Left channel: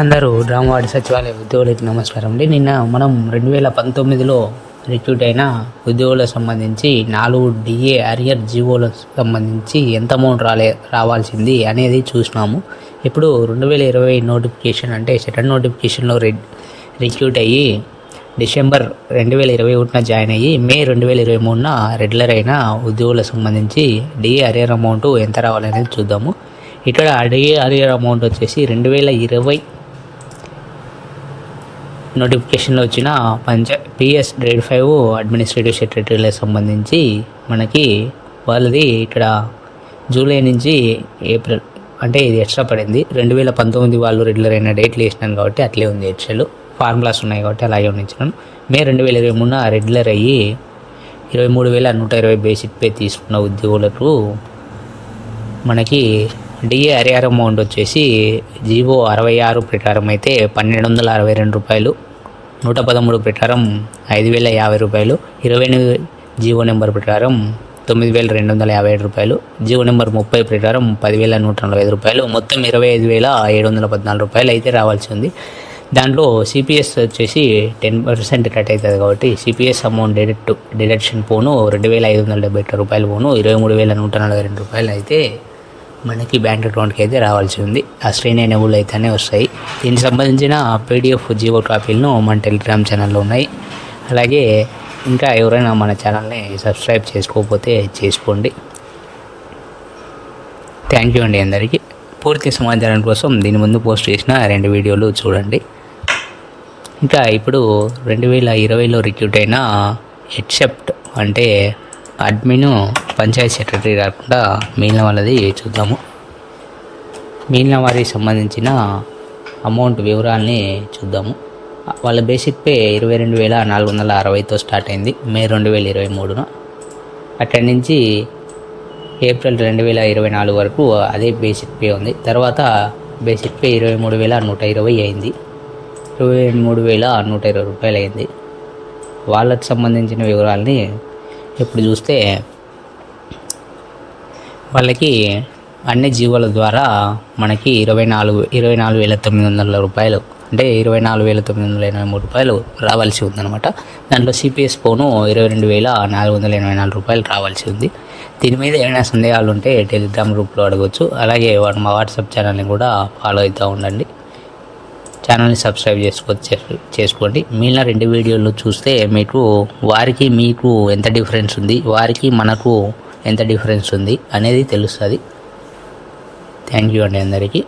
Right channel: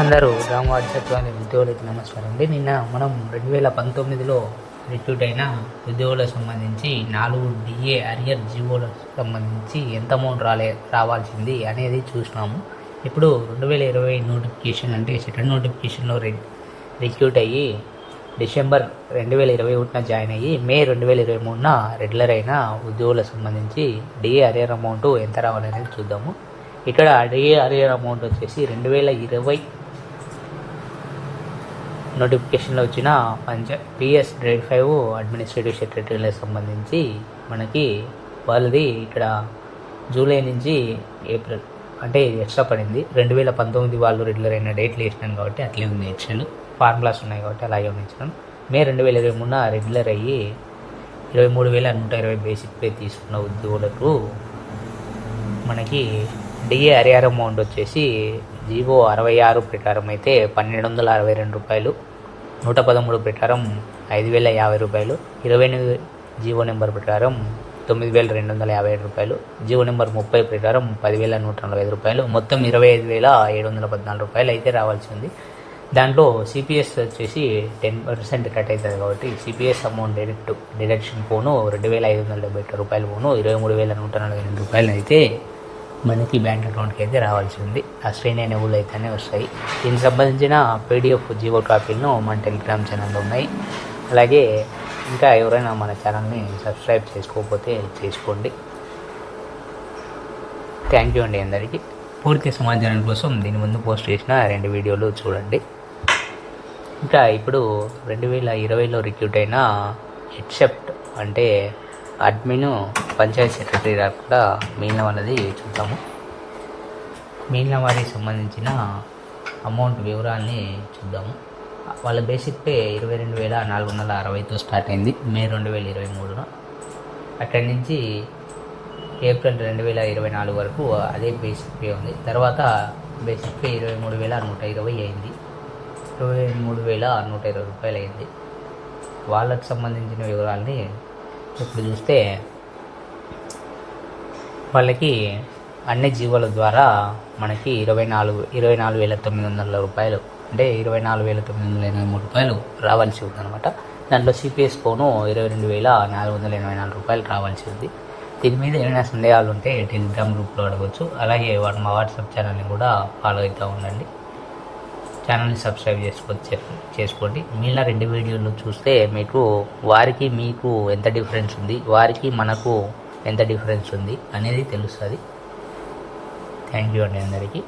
అందరూ రామవాడి సచివాలయ ఉద్యోగులకు నమస్కారం అండి. నిన్న మనం రెండు వేల పంతొమ్మిదిలో రిక్రూట్ అయిన ఉద్యోగులకు సంబంధించి నాలుగు డిఏ అరియర్ జీవోలకు సంబంధించి ఎంత అమౌంట్ రాలే రావాల్సింది అనేది చూసినాము. ఇప్పుడు రెండు వేల ఇరవై నోటిఫికేషన్ అంటే సెకండ్ నోటిఫికేషన్లో రి రిక్రూట్ అయ్యి డిసెంబర్ రెండు వేల ఇరవై ఒకటిన జాయిన్ అయ్యి మే రెండు వేల ఇరవై మూడున రెగ్యులర్ అయిన ఉద్యోగులకు సంబంధించి డిఏ అరియర్ అమౌంట్ ఎంత రావాలనేది చూద్దాము. ఇక్కడ డిఏ అరియర్ అమౌంట్ వచ్చేసి రెండు వేల ఇరవై నోటిఫికేషన్లో వచ్చిన పంచ పిఎస్ గ్రేడ్ ఫైవ్ అడ్మినిస్ట్రేటివ్ సెక్రటరీలకు సంబంధించి మనకి వాళ్ళది ఇక్కడ జూలై నుంచి ఏప్రిల్ అంటే ఇది ఎక్స్ట్రా పడింది. రెండు వేల పంతొమ్మిది వాళ్ళు రెగ్యులర్ అయిన డేట్లు వేసినాను కాబట్టి అట్లే ఉంది ఎక్స్ట్రాలు ఫార్ములాస్ ఉన్నాయి కాబట్టి అలాగే ఉండించాను మే రెండు వేల ఇరవై మూడున రెగ్యులర్ అయ్యి ఇరవై మూడు వేల నూట ఇరవై బేసిక్ పే తీసుకున్న ఉద్యోగులకు మనకి డిఏ అరిఆర్ అమౌంట్ వచ్చేసి జీవో అరవై ఆరు ప్రకారం అయితే పన్నెండు వందల అరవై రెండు రూపాయలు నూట పదమూడు ప్రకారం ఐదు వేల యాభై రూపాయలు ఇరవై ఎనిమిది జీవో నెంబర్ ప్రకారం తొమ్మిది వేల రెండు వందల యాభై ఏడు రూపాయలు జీవో నెంబర్ ముప్పై ప్రకారం పదివేల నూట నలభై ఐదు రూపాయలు. మొత్తం ఇరవై ఐదు వేల ఏడు వందల పద్నాలుగు రూపాయలు అయితే రావాల్సి ఉంది. దాంట్లో సిపిఎస్ వచ్చేసి టెన్ పర్సెంట్ కట్ అవుతుంది కాబట్టి సిపిఎస్ అమౌంట్ డిడక్ట్ డిడక్షన్ పోను రెండు వేల ఐదు వందల డెబ్బై ఎట్టు రూపాయలు పోను ఇరవై మూడు వేల నూట నలభై రెండు రూపాయలు అయితే మనకి బ్యాంక్ అకౌంట్కి అయితే రావాల్సి ఉంది. ఆ స్క్రీన్ ఎనేబుల్ అయితేనే వస్తాయి. దీనికి సంబంధించిన పీడిఎఫ్ జియో కాపీలను మన టెలిగ్రామ్ ఛానల్లో ఉన్నాయి. అలాగే ఇంకా ఎవరైనా మన ఛానల్ని సబ్స్క్రైబ్ చేసుకోకపోతే చేసుకోండి. థ్యాంక్ యూ అండి అందరికీ. పూర్తి సమాచారం కోసం దీని ముందు పోస్ట్ చేసిన రెండు వీడియోలు చూడండి. ఇంకా ఇప్పుడు రెండు వేల ఇరవైలో రిక్రూట్ అయిన ఎక్సెప్ట్ అంటే అడ్మిన్ పంచాయత్ సెక్రటరీ కాకుండా మిగిలిన వాళ్ళది చూద్దాము. మిగిలిన వారికి సంబంధించిన అమౌంట్ వివరాల్ని చూద్దాము. వాళ్ళ బేసిక్ పే ఇరవై రెండు వేల నాలుగు వందల అరవైతో స్టార్ట్ అయింది మే రెండు వేల ఇరవై మూడున. అక్కడి నుంచి ఏప్రిల్ రెండు వేల ఇరవై నాలుగు వరకు అదే బేసిక్ పే ఉంది. తర్వాత బేసిక్ పే ఇరవై మూడు వేల నూట ఇరవై అయింది ఇరవై మూడు వేల నూట ఇరవై రూపాయలు అయింది. వాళ్ళకి సంబంధించిన వివరాలని ఇప్పుడు చూస్తే వాళ్ళకి అన్ని జీవోల ద్వారా మనకి ఇరవై నాలుగు ఇరవై నాలుగు వేల తొమ్మిది వందల రూపాయలు అంటే ఇరవై నాలుగు వేల తొమ్మిది వందల ఎనభై మూడు రూపాయలు రావాల్సి ఉందన్నమాట. దాంట్లో సిపిఎస్ పోను ఇరవై రెండు వేల నాలుగు వందల ఎనభై నాలుగు రూపాయలు రావాల్సి ఉంది. దీని మీద ఏమైనా సందేహాలు ఉంటే టెలిగ్రామ్ గ్రూప్లో అడగవచ్చు అలాగే మా వాట్సాప్ ఛానల్ని కూడా ఫాలో అవుతూ ఉండండి. ఛానల్ని సబ్స్క్రైబ్ చేసుకోవచ్చు చేసుకోండి. మిగిలిన రెండు వీడియోలు చూస్తే మీకు వారికి మీకు ఎంత డిఫరెన్స్ ఉంది వారికి మనకు ఎంత డిఫరెన్స్ ఉంది అనేది తెలుస్తుంది. థ్యాంక్ యూ అండి అందరికీ.